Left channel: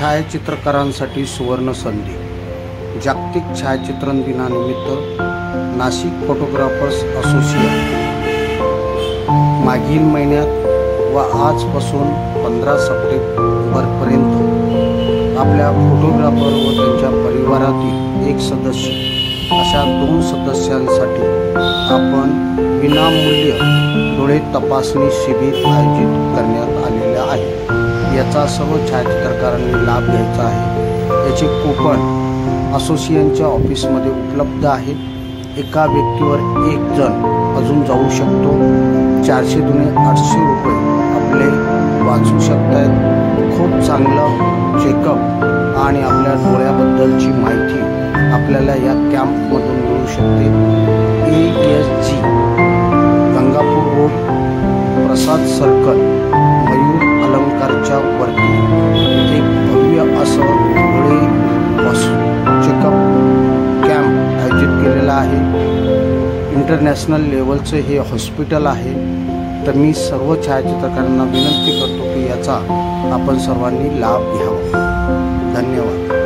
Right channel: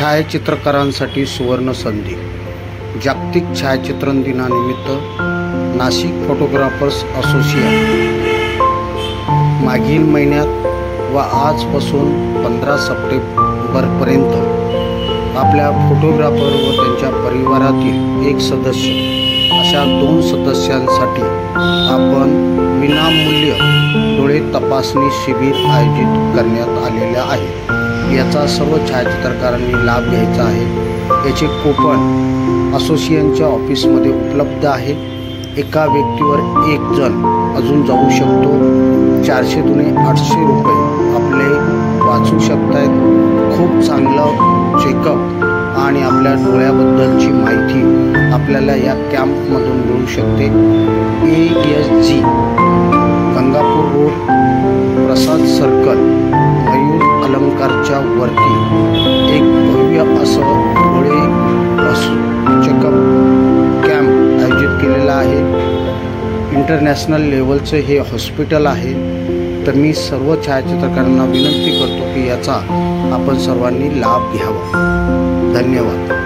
छायाचित्रकारांसाठी सुवर्ण संधी. जागतिक छायाचित्रण दिनानिमित्त नाशिक फोटोग्राफर्स असोसिएशन मागील महिन्यात व आजपासून 15 सप्टेंबरपर्यंत आपल्या फोटोग्राफर व त्यांच्या परिवारातील एक सदस्य अशा 2 सदस्यांसाठी आपण विनामूल्य डोळे तपासणी शिबिर आयोजित करण्यात आलेले आहे. याचा सर्व छायाचित्रकारांनी लाभ घ्यायचा आहे. याचे कूपन असोसिएशनच्या ऑफिसमध्ये उपलब्ध आहे. एका व्यक्तीवर 1 जण अजून जाऊ शकतो. 400 दुने 800 रुपये आपले वाचू शकतात. खूप चांगलं चेकअप आणि आपल्या डोळ्याबद्दलची माहिती आपल्याला या कॅम्पमधून मिळू शकते. ASG गंगापूर रोड, प्रसाद सर्कल, मयूर अलंकारच्या वरती एक भव्य असं डोळे चेकअप कॅम्प आयोजित केलेला आहे. इंटरनॅशनल लेवलचं हे हॉस्पिटल आहे. तर मी सर्व छायाचित्रकारांना विनंती करतो की याचा आपण सर्वांनी लाभ घ्यावा. धन्यवाद.